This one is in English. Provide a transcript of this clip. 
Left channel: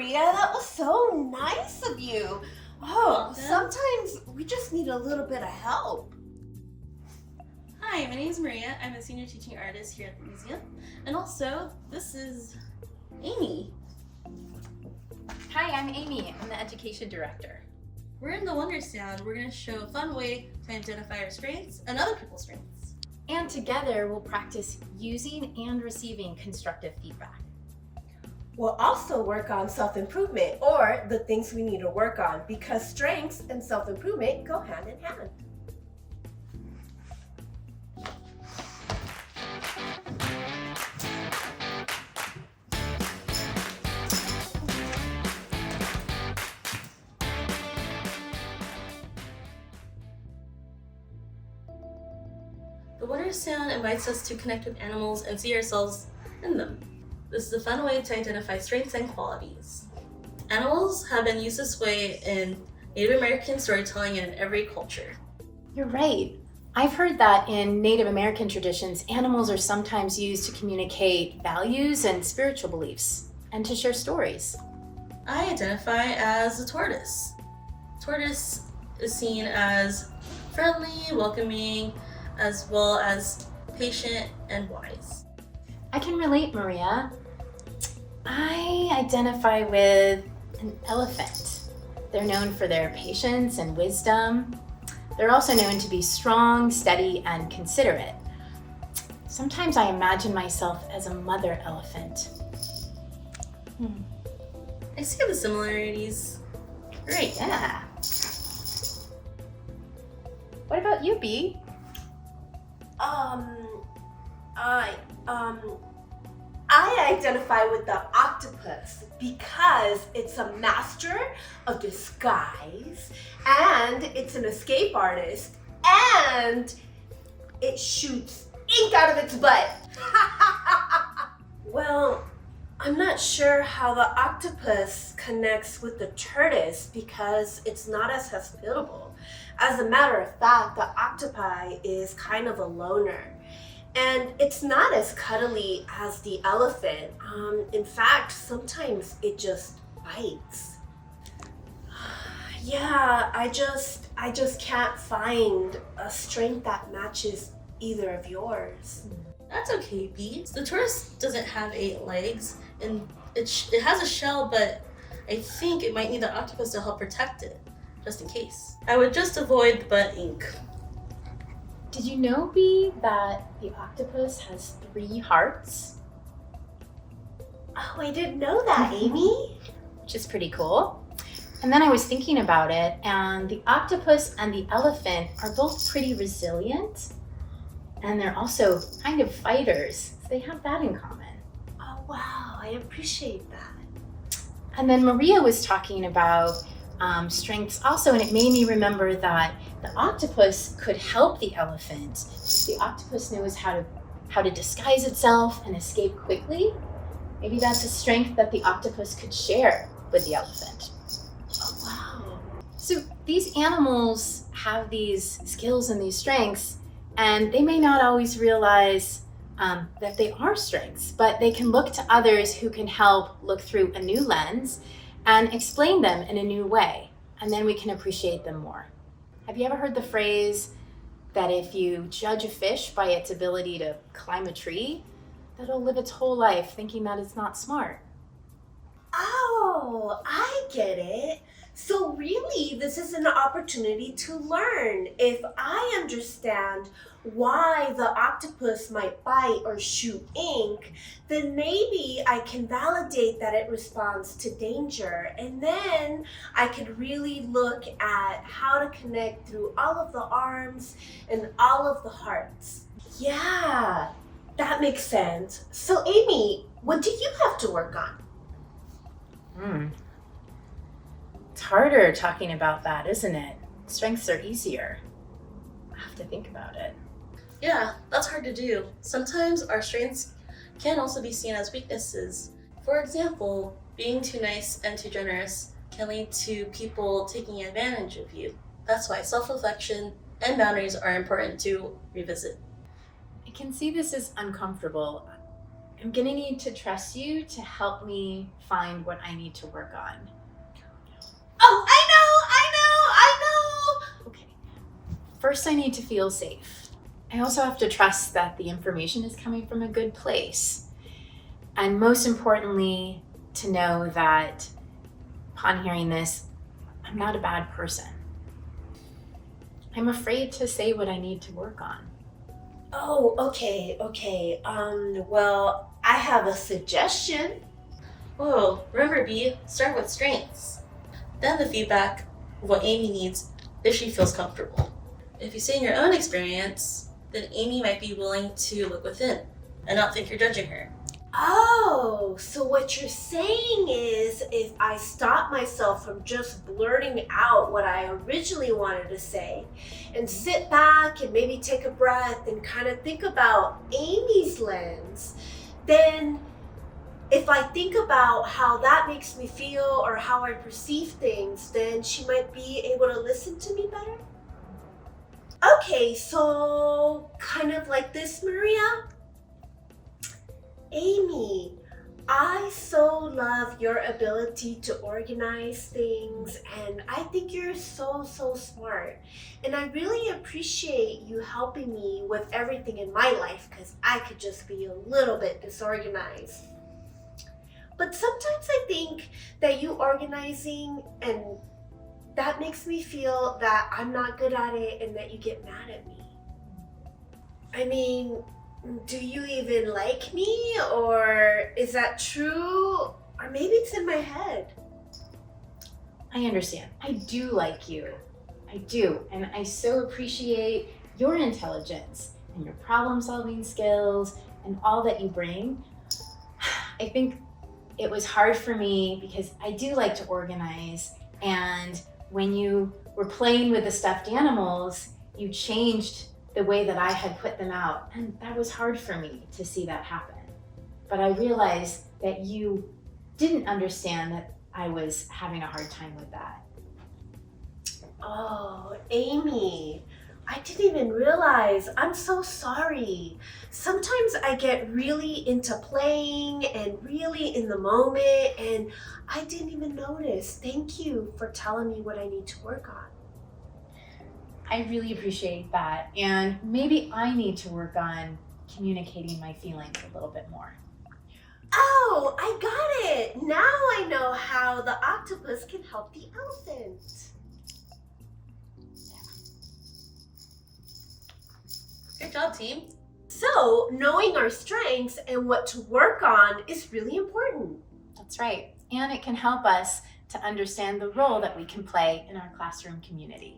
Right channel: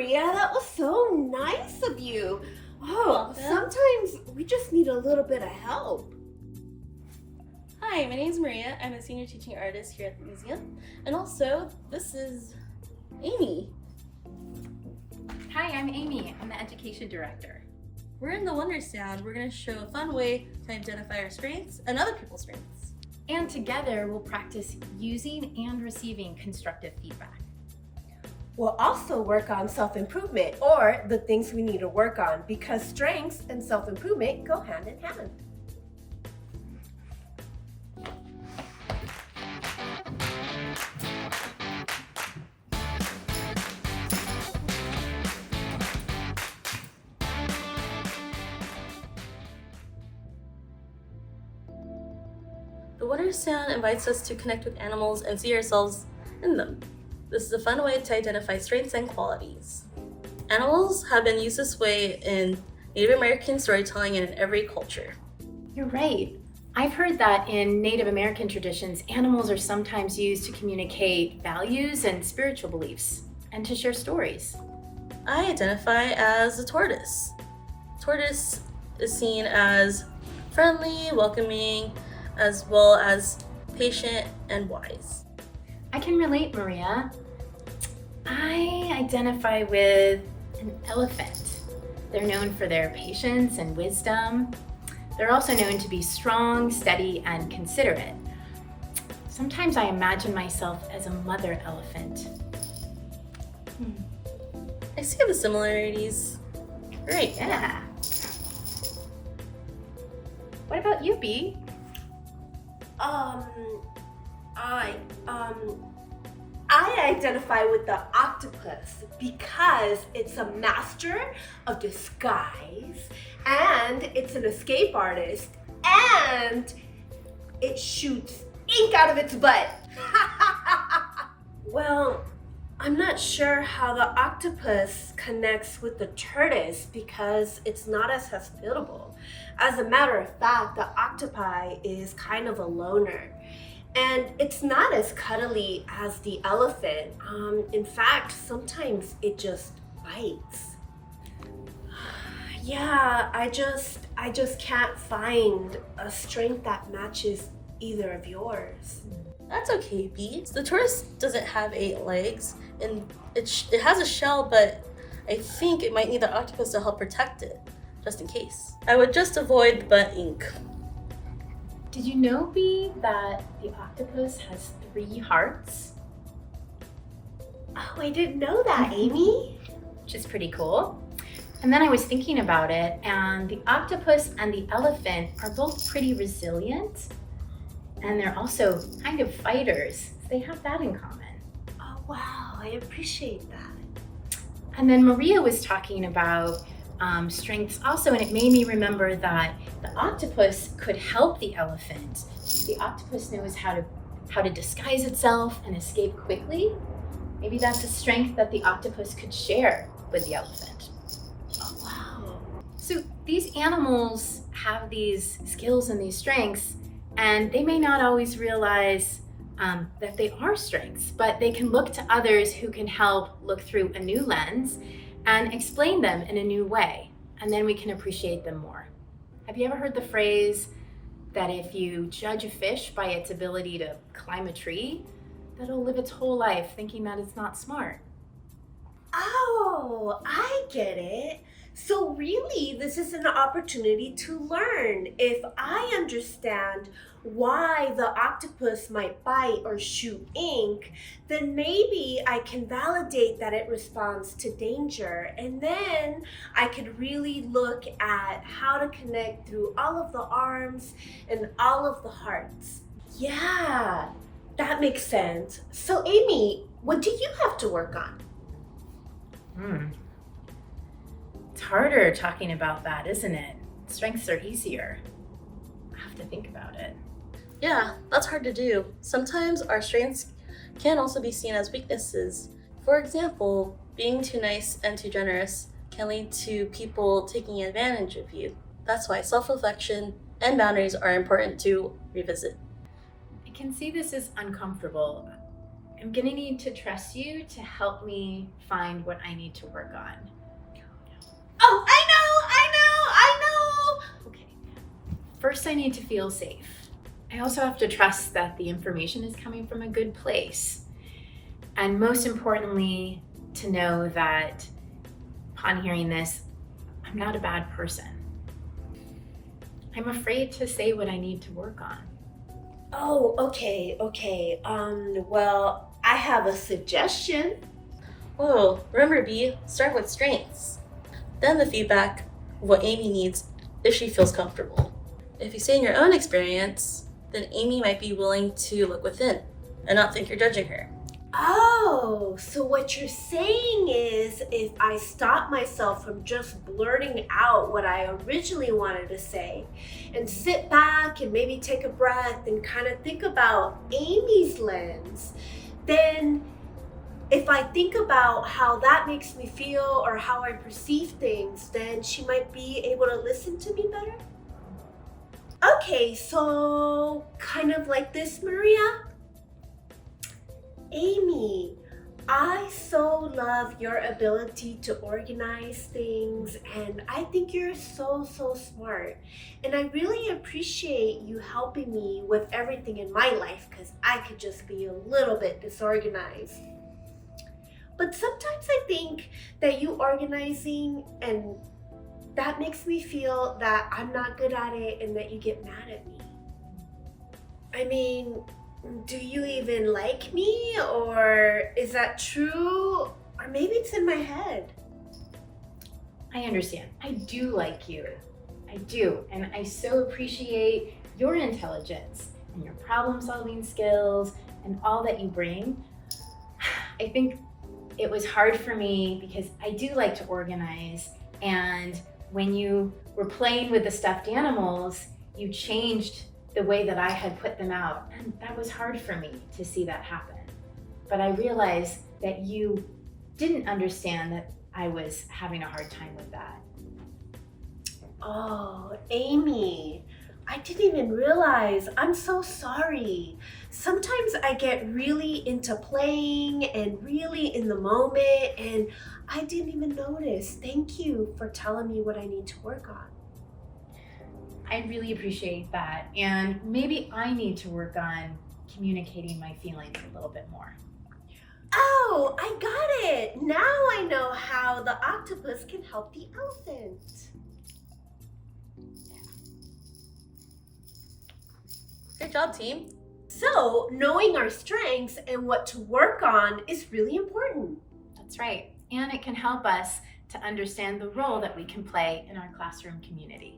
Maria. That was so nice of you. Oh, Welcome. sometimes we just need a little bit of help. Hi, my name is Maria. I'm a senior teaching artist here at the museum. And also, this is Amy. Hi, I'm Amy. I'm the education director. We're in the Wonder Sound. We're going to show a fun way to identify our strengths and other people's strengths. And together we'll practice using and receiving constructive feedback. We'll also work on self-improvement, or the things we need to work on, because strengths and self-improvement go hand in hand. The Wonder Sound invites us to connect with animals and see ourselves in them. This is a fun way to identify strengths and qualities. Animals have been used this way in Native American storytelling and in every culture. You're right. I've heard that in Native American traditions, animals are sometimes used to communicate values and spiritual beliefs and to share stories. I identify as a tortoise. Tortoise is seen as friendly, welcoming, as well as patient and wise. I can relate, Maria. I identify with an elephant. They're known for their patience and wisdom. They're also known to be strong, steady, and considerate. Sometimes I imagine myself as a mother elephant. I see the similarities. Great. Yeah. What about you, Bee? I identify with the octopus because it's a master of disguise, and it's an escape artist, and it shoots ink out of its butt. Well, I'm not sure how the octopus connects with the tortoise because it's not as hospitable. As a matter of fact, the octopi is kind of a loner. And it's not as cuddly as the elephant. In fact, sometimes it just bites. Yeah, I just can't find a strength that matches either of yours. That's okay, Bee. The tortoise doesn't have 8 legs, and it has a shell, but I think it might need the octopus to help protect it, just in case. I would just avoid the butt ink. Did you know, Bee, that the octopus has 3 hearts? Oh, I didn't know that, Amy. Which is pretty cool. And then I was thinking about it, and the octopus and the elephant are both pretty resilient, and they're also kind of fighters. They have that in common. Oh, wow, I appreciate that. And then Maria was talking about strengths also, and it made me remember that the octopus could help the elephant. The octopus knows how to disguise itself and escape quickly. Maybe that's a strength that the octopus could share with the elephant. Oh, wow. So these animals have these skills and these strengths, and they may not always realize that they are strengths, but they can look to others who can help look through a new lens and explain them in a new way, and then we can appreciate them more. Have you ever heard the phrase that if you judge a fish by its ability to climb a tree, that it'll live its whole life thinking that it's not smart? Oh, I get it. So really, this is an opportunity to learn. If I understand why the octopus might bite or shoot ink, then maybe I can validate that it responds to danger. And then I could really look at how to connect through all of the arms and all of the hearts. Yeah, that makes sense. So Amy, what do you have to work on? It's harder talking about that, isn't it? Strengths are easier. I have to think about it. Yeah, that's hard to do. Sometimes our strengths can also be seen as weaknesses. For example, being too nice and too generous can lead to people taking advantage of you. That's why self-reflection and boundaries are important to revisit. I can see this is uncomfortable. I'm gonna need to trust you to help me find what I need to work on. Oh, I know! Okay. First, I need to feel safe. I also have to trust that the information is coming from a good place. And most importantly, to know that upon hearing this, I'm not a bad person. I'm afraid to say what I need to work on. Oh, okay. Well, I have a suggestion. Whoa, remember B, start with strengths. Then the feedback of what Amy needs if she feels comfortable. If you say in your own experience, then Amy might be willing to look within and not think you're judging her. Oh, so what you're saying is if I stop myself from just blurting out what I originally wanted to say and sit back and maybe take a breath and kind of think about Amy's lens, then if I think about how that makes me feel or how I perceive things, then she might be able to listen to me better? Okay, so kind of like this, Maria. Amy, I so love your ability to organize things, and I think you're so smart. And I really appreciate you helping me with everything in my life because I could just be a little bit disorganized. But sometimes I think that you organizing and that makes me feel that I'm not good at it and that you get mad at me. I mean, do you even like me, or is that true? Or maybe it's in my head. I understand. I do like you. I do. And I so appreciate your intelligence and your problem-solving skills and all that you bring. I think it was hard for me because I do like to organize. And when you were playing with the stuffed animals, you changed the way that I had put them out. And that was hard for me to see that happen. But I realized that you didn't understand that I was having a hard time with that. Oh, Amy, I didn't even realize. I'm so sorry. Sometimes I get really into playing and really in the moment, and I didn't even notice. Thank you for telling me what I need to work on. I really appreciate that. And maybe I need to work on communicating my feelings a little bit more. Oh, I got it. Now I know how the octopus can help the elephant. Good job, team. So, knowing our strengths and what to work on is really important. That's right. And it can help us to understand the role that we can play in our classroom community.